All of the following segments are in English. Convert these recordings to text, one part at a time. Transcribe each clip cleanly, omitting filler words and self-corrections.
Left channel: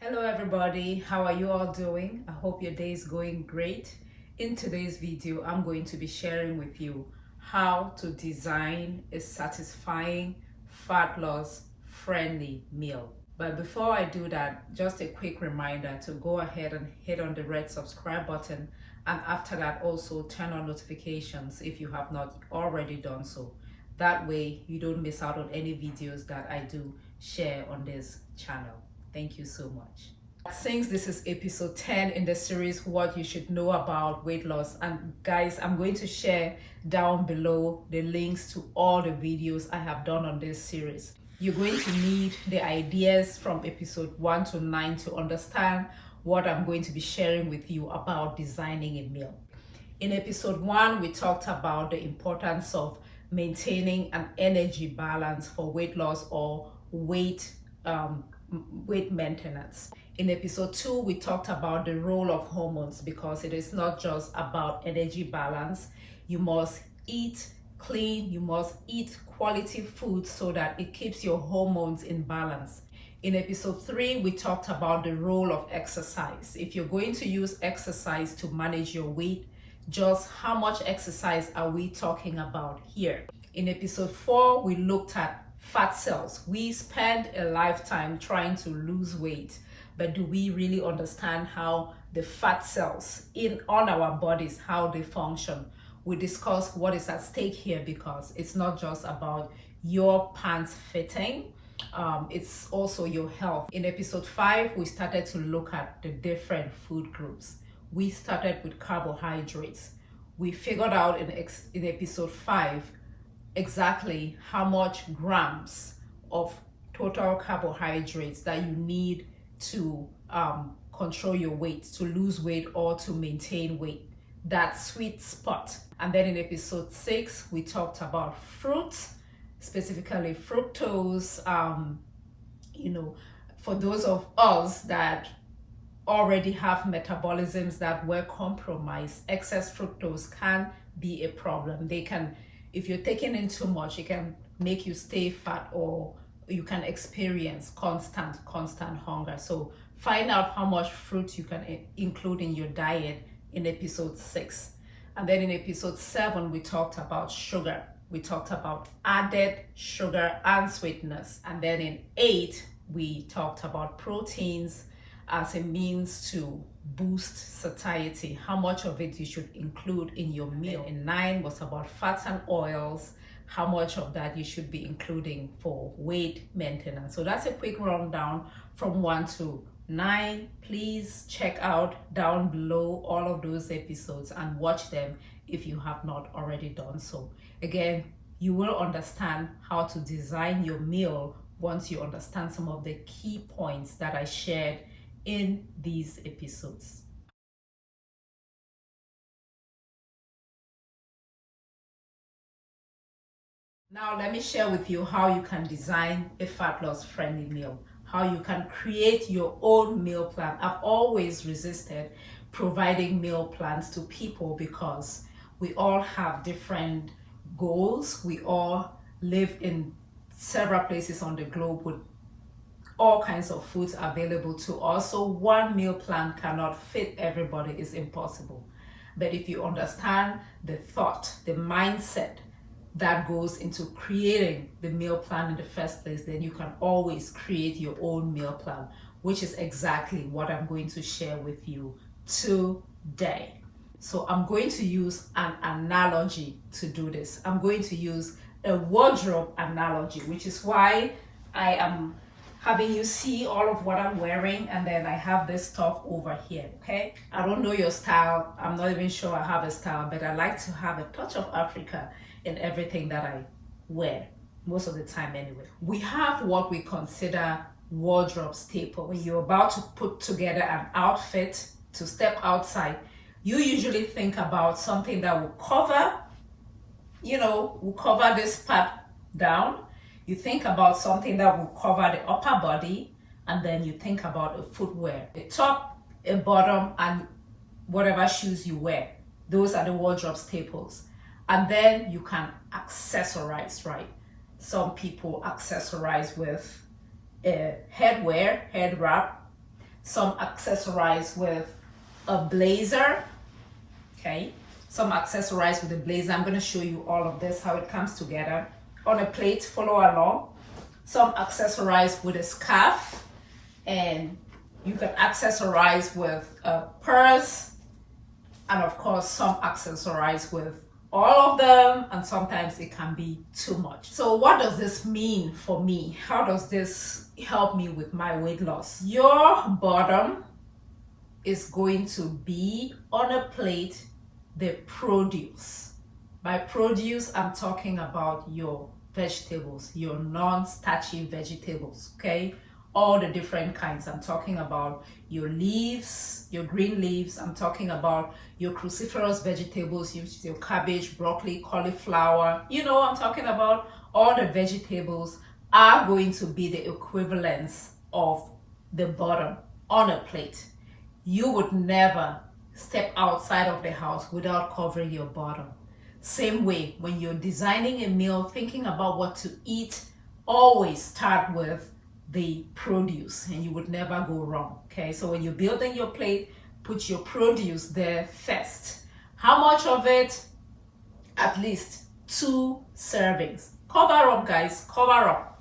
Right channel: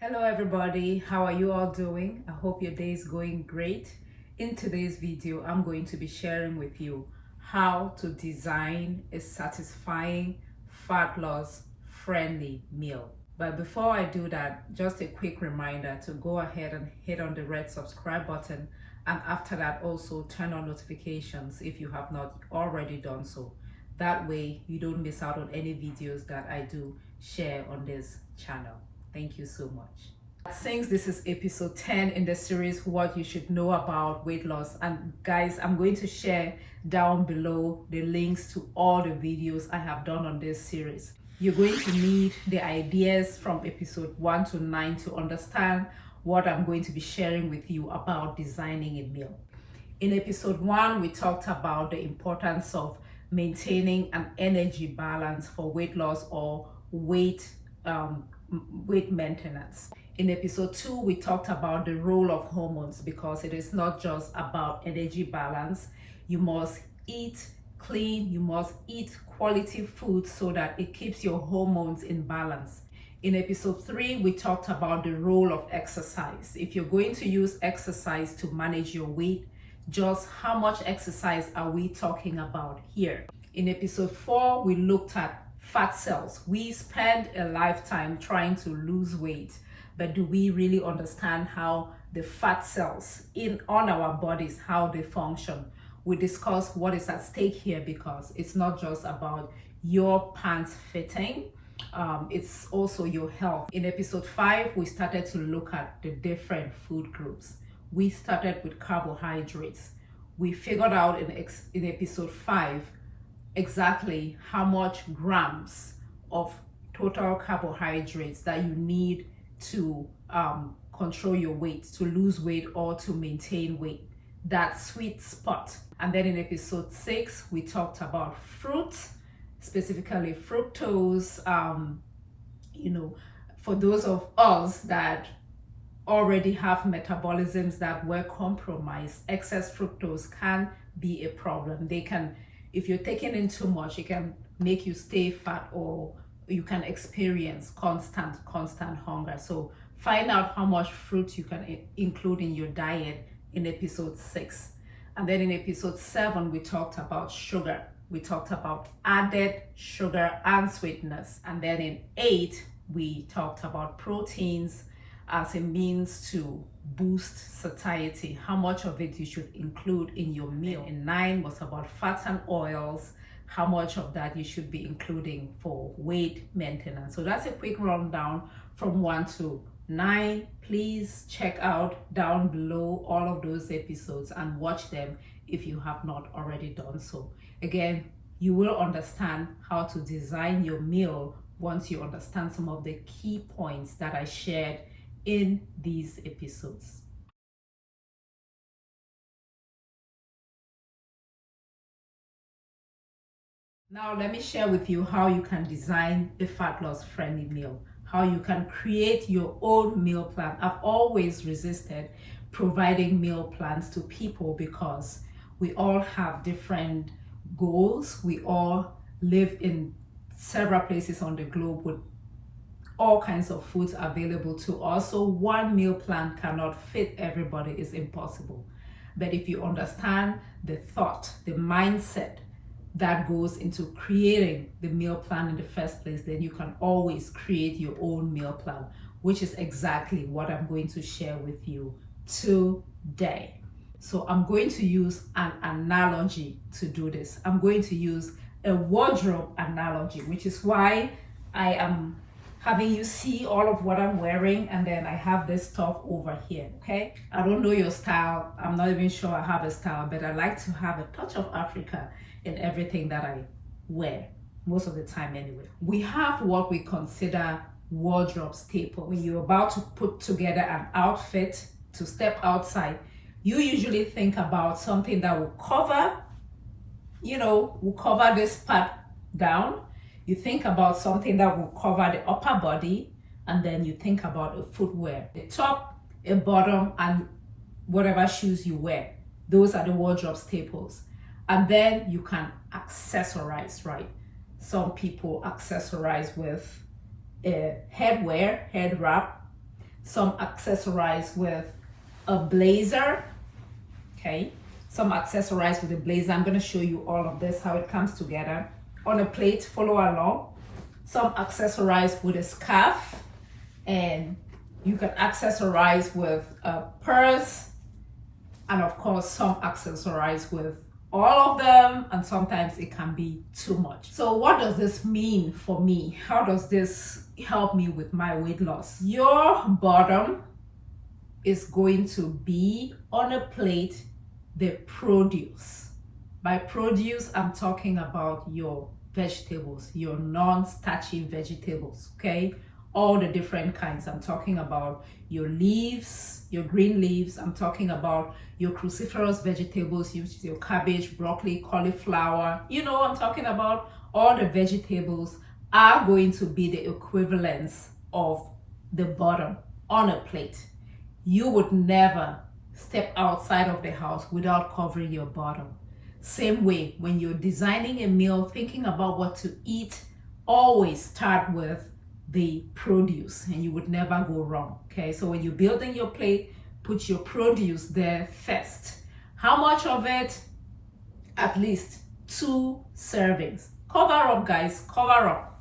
Hello everybody, how are you all doing? I hope your day is going great. In today's video, I'm going to be sharing with you how to design a satisfying, fat loss friendly meal. But before I do that, just a quick reminder to go ahead and hit on the red subscribe button, and after that also turn on notifications if you have not already done so. That way you don't miss out on any videos that I do share on this channel. Thank you so much. Since this is episode 10 in the series, what you should know about weight loss, and guys, I'm going to share down below the links to all the videos I have done on this series. You're going to need the ideas from episode 1 to 9 to understand what I'm going to be sharing with you about designing a meal. In episode 1, we talked about the importance of maintaining an energy balance for weight loss or weight maintenance. In episode 2, we talked about the role of hormones, because it is not just about energy balance. You must eat clean, you must eat quality food so that it keeps your hormones in balance. In episode 3, we talked about the role of exercise. If you're going to use exercise to manage your weight, just how much exercise are we talking about here? In episode 4, we looked at fat cells. We spend a lifetime trying to lose weight, but do we really understand how the fat cells on our bodies, how they function? We discuss what is at stake here, because it's not just about your pants fitting, it's also your health. In episode 5, we started to look at the different food groups. We started with carbohydrates. We figured out in episode 5 exactly how much grams of total carbohydrates that you need to control your weight, to lose weight or to maintain weight, that sweet spot. And then in episode 6, we talked about fruits, specifically fructose. For those of us that already have metabolisms that were compromised, excess fructose can be a problem. If you're taking in too much, it can make you stay fat, or you can experience constant hunger. So find out how much fruit you can include in your diet in episode 6. And then in episode 7, we talked about sugar. We talked about added sugar and sweetness. And then in 8, we talked about proteins as a means to boost satiety, how much of it you should include in your meal. In 9 was about fats and oils, how much of that you should be including for weight maintenance. So that's a quick rundown from 1 to 9. Please check out down below all of those episodes and watch them if you have not already done so. Again, you will understand how to design your meal once you understand some of the key points that I shared in these episodes. Now let me share with you how you can design a fat loss friendly meal, how you can create your own meal plan. I've always resisted providing meal plans to people because we all have different goals. We all live in several places on the globe with all kinds of foods available to us. So one meal plan cannot fit everybody, it's impossible. But if you understand the thought, the mindset that goes into creating the meal plan in the first place, then you can always create your own meal plan, which is exactly what I'm going to share with you today. So I'm going to use an analogy to do this. I'm going to use a wardrobe analogy, which is why I am having you see all of what I'm wearing, and then I have this stuff over here, okay? I don't know your style. I'm not even sure I have a style, but I like to have a touch of Africa in everything that I wear, most of the time anyway. We have what we consider wardrobe staple. When you're about to put together an outfit to step outside, you usually think about something that will cover, will cover this part down. You think about something that will cover the upper body, and then you think about a footwear, a top, a bottom, and whatever shoes you wear. Those are the wardrobe staples. And then you can accessorize, right? Some people accessorize with a head wrap. some accessorize with a blazer, okay? Some accessorize with a blazer. I'm going to show you all of this, how it comes together. On a plate, follow along. Some accessorize with a scarf, and you can accessorize with a purse, and of course some accessorize with all of them, and sometimes it can be too much. So what does this mean for me? How does this help me with my weight loss? Your bottom is going to be on a plate the produce. By produce, I'm talking about your vegetables, your non-starchy vegetables, okay? All the different kinds. I'm talking about your leaves, your green leaves. I'm talking about your cruciferous vegetables, your cabbage, broccoli, cauliflower. You know, I'm talking about all the vegetables are going to be the equivalents of the bottom on a plate. You would never step outside of the house without covering your bottom. Same way, when you're designing a meal, thinking about what to eat, always start with the produce and you would never go wrong. Okay, so when you're building your plate, put your produce there first. How much of it? At least 2 servings. Cover up, guys, cover up.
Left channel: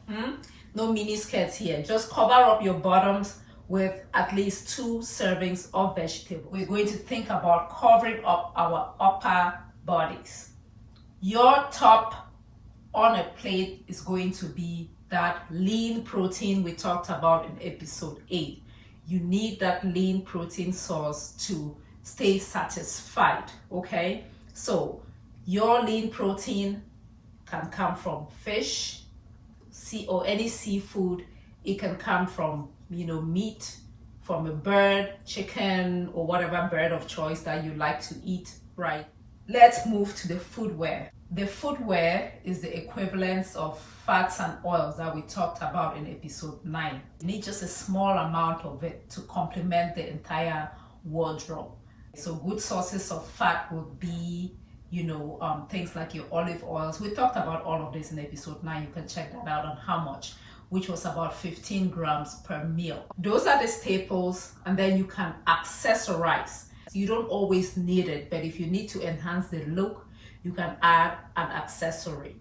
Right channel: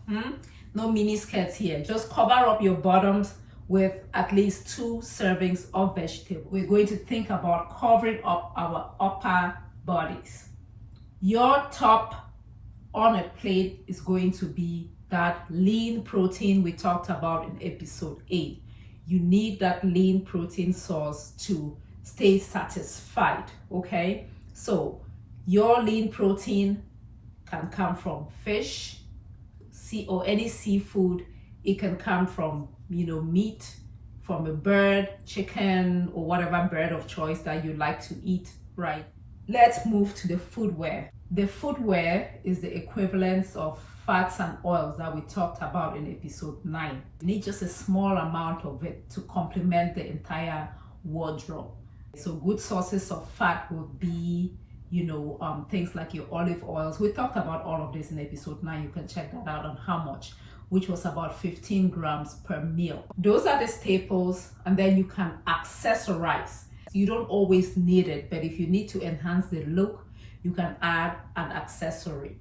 No mini skirts here. Just cover up your bottoms with at least 2 servings of vegetable. We're going to think about covering up our upper bodies. Your top on a plate is going to be that lean protein we talked about in episode 8. You need that lean protein source to stay satisfied, okay? So your lean protein can come from fish, or any seafood. It can come from, meat, from a bird, chicken, or whatever bird of choice that you like to eat, right? Let's move to the footwear. The footwear is the equivalence of fats and oils that we talked about in episode 9. You need just a small amount of it to complement the entire wardrobe. So good sources of fat would be, things like your olive oils. We talked about all of this in episode 9. You can check that out on how much, which was about 15 grams per meal. Those are the staples, and then you can accessorize. You don't always need it, but if you need to enhance the look, you can add an accessory.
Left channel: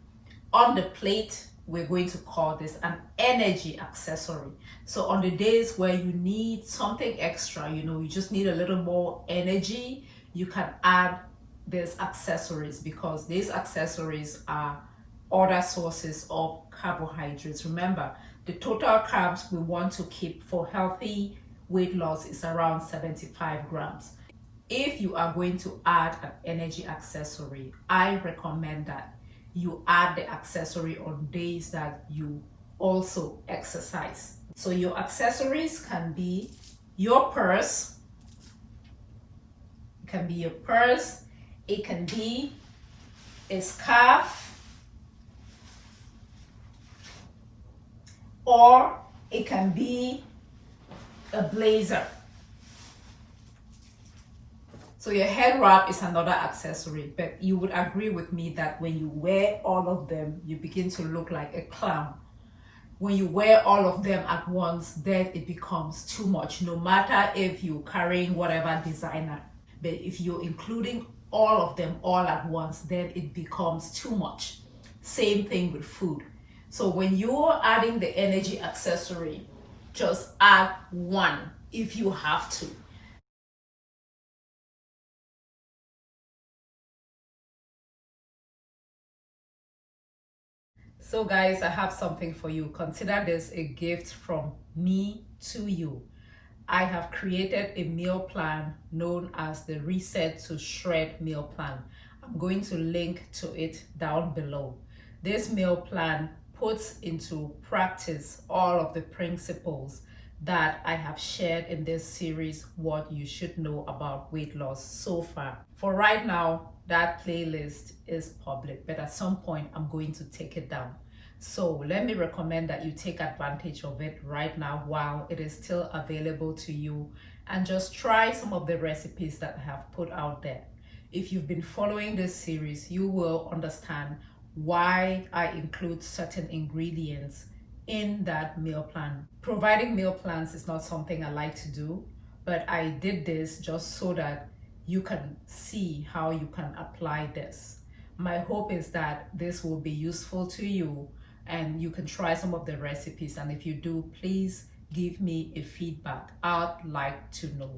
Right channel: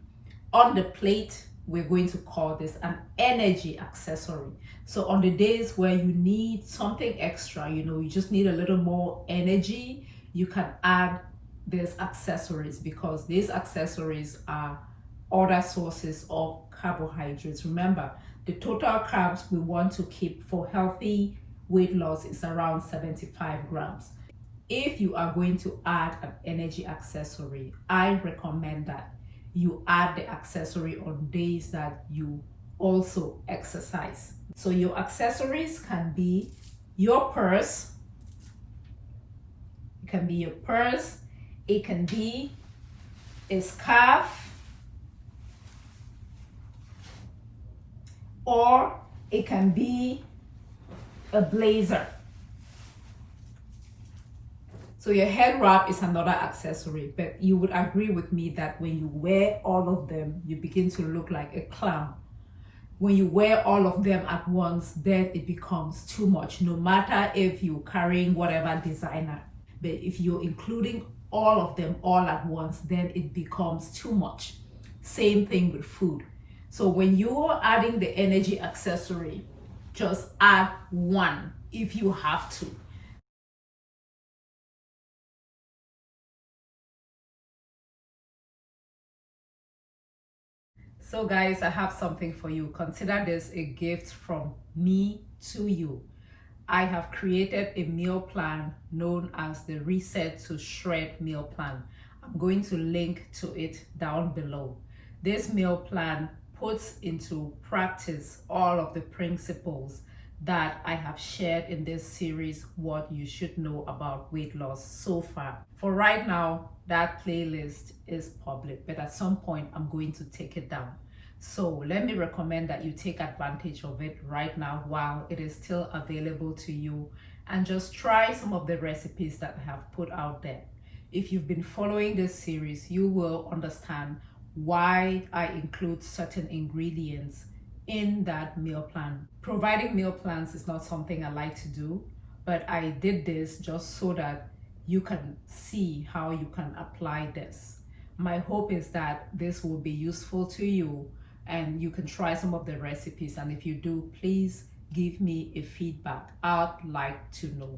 On the plate, we're going to call this an energy accessory. So on the days where you need something extra, you just need a little more energy, you can add these accessories, because these accessories are other sources of carbohydrates. Remember, the total carbs we want to keep for healthy weight loss is around 75 grams. If you are going to add an energy accessory, I recommend that you add the accessory on days that you also exercise. So your accessories can be your purse. It can be your purse. It can be a scarf, or it can be a blazer. So your head wrap is another accessory, but you would agree with me that when you wear all of them, you begin to look like a clown. When you wear all of them at once, then it becomes too much, no matter if you're carrying whatever designer. But if you're including all of them all at once, then it becomes too much. Same thing with food. So when you're adding the energy accessory, just add one if you have to. So guys, I have something for you. Consider this a gift from me to you. I have created a meal plan known as the Reset to Shred meal plan. I'm going to link to it down below. This meal plan puts into practice all of the principles that I have shared in this series, What You Should Know About Weight Loss so far. For right now, that playlist is public, but at some point I'm going to take it down. So let me recommend that you take advantage of it right now while it is still available to you, and just try some of the recipes that I have put out there. If you've been following this series, you will understand why I include certain ingredients in that meal plan. Providing meal plans is not something I like to do, but I did this just so that you can see how you can apply this. My hope is that this will be useful to you and you can try some of the recipes, and if you do, please give me a feedback. I'd like to know.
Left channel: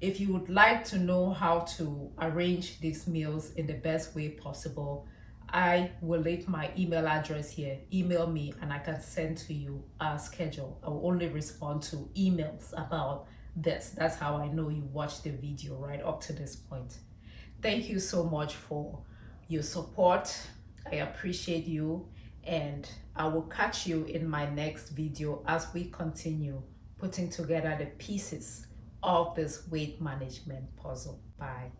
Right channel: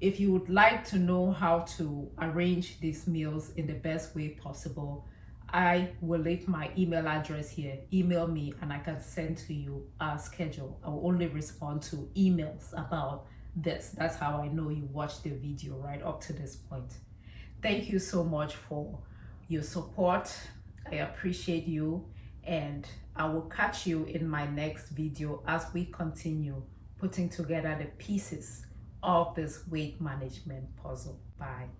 If you would like to know how to arrange these meals in the best way possible, I will leave my email address here. Email me and I can send to you a schedule. I will only respond to emails about this. That's how I know you watched the video right up to this point. Thank you so much for your support. I appreciate you, and I will catch you in my next video as we continue putting together the pieces of this weight management puzzle. Bye.